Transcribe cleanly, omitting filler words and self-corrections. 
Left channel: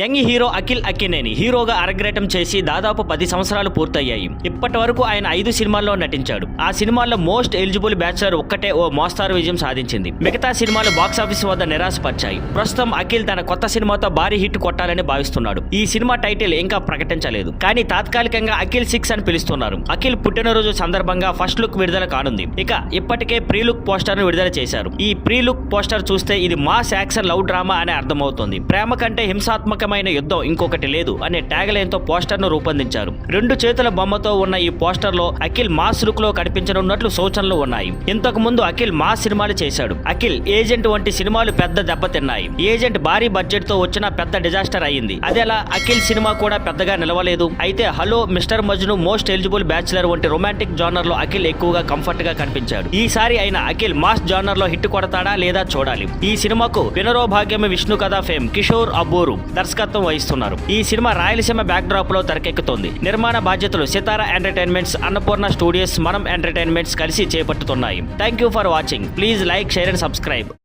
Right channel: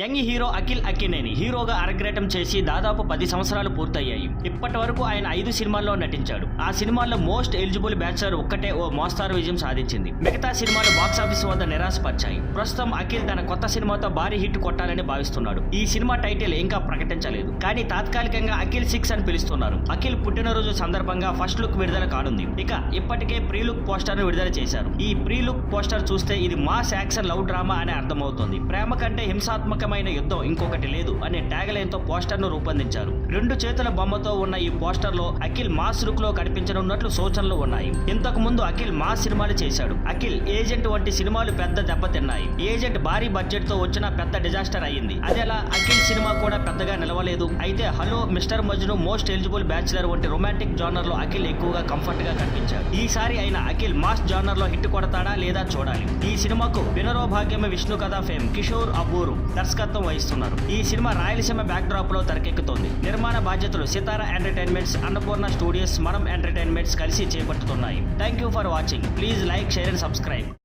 Young hero Akhil Akkineni హీరోగా అరగ్రేటం చేసి దాదాపు 10 సంవత్సరాలు పూర్తయ్యాయి. ఇప్పటి వరకు ఆయన 5 సినిమాల్లో నటించాడు. ఆ సినిమాల్లో మోస్ట్ ఎలిజిబుల్ బ్యాచులర్ ఒక్కటే ఓ మోస్తారు విజయం సాధించింది. మిగతా సినిమాలు బాక్సాఫీస్ వద్ద నిరాశపరిచాయి. ప్రస్తుతం అఖిల్ తన కొత్త సినిమాతో భారీ హిట్ కొట్టాలని భావిస్తున్నాడు. ఈ సినిమా టైటిల్ ఇంకా ప్రకటించలేదు, కానీ తాత్కాలికంగా అఖిల్ 6 అని పిలుస్తున్నారు. అఖిల్ పుట్టినరోజు సందర్భంగా ఫస్ట్ లుక్ విడుదల కానుంది. ఇక ఇప్పటికే ప్రీ లుక్ పోస్టర్ ను విడుదల చేశారు. ఈ ప్రీ లుక్ పోస్టర్ చూస్తే ఇది మాస్ యాక్షన్ లవ్ డ్రామా అనే అర్థమవుతోంది. ప్రేమ కంటే హింసాత్మకమైన యుద్ధం ఇంకొకటి లేదు అనే ట్యాగ్ లైన్ తో పోస్టర్ ను రూపొందించారు. 2 చేతుల బొమ్మతో ఉన్న ఈ పోస్టర్ లో అఖిల్ మాస్ లుక్ లో కనిపించనున్నట్లు సూచనలు ఉన్నాయి. ఇంతకు ముందు అఖిల్ మాస్ సినిమాలు చేశాడు. అఖిల్ ఏజెంట్ వంటి సినిమాలు పెద్ద దెబ్బతిన్నాయి. ఏజెంట్ భారీ బడ్జెట్ తో వచ్చిన పెద్ద డిజాస్టర్ అయింది. అదేలా అఖిల్ సినిమా కూడా పెద్దగా నిలవలేదు. అయితే hello mister Majnu, most eligible bachelor వంటి రొమాంటిక్ జానర్ లో అఖిల్ ఎక్కువగా కంఫర్ట్ గా కనిపించాడు. ఈసారి అయినా అఖిల్ మాస్ జానర్ లో హిట్ కొడతాడా లేదా చూడాలి. ఈ సినిమాకు వినరోభాగ్యం విష్ణు కథ ఫేమ్ కిషోర్ అబ్బూరు దర్శకత్వం వహిస్తున్నారు. ఈ సినిమా రాయలసీమ బ్యాక్ డ్రాప్ లో తెరకెక్కుతోంది. నిర్మాణ బాధ్యతలు Sithara Entertainments, Annapurna Studios, Manam Entertainments కలిసి చేపట్టుతున్నాయి. Thank you for watching. Please like, share and subscribe.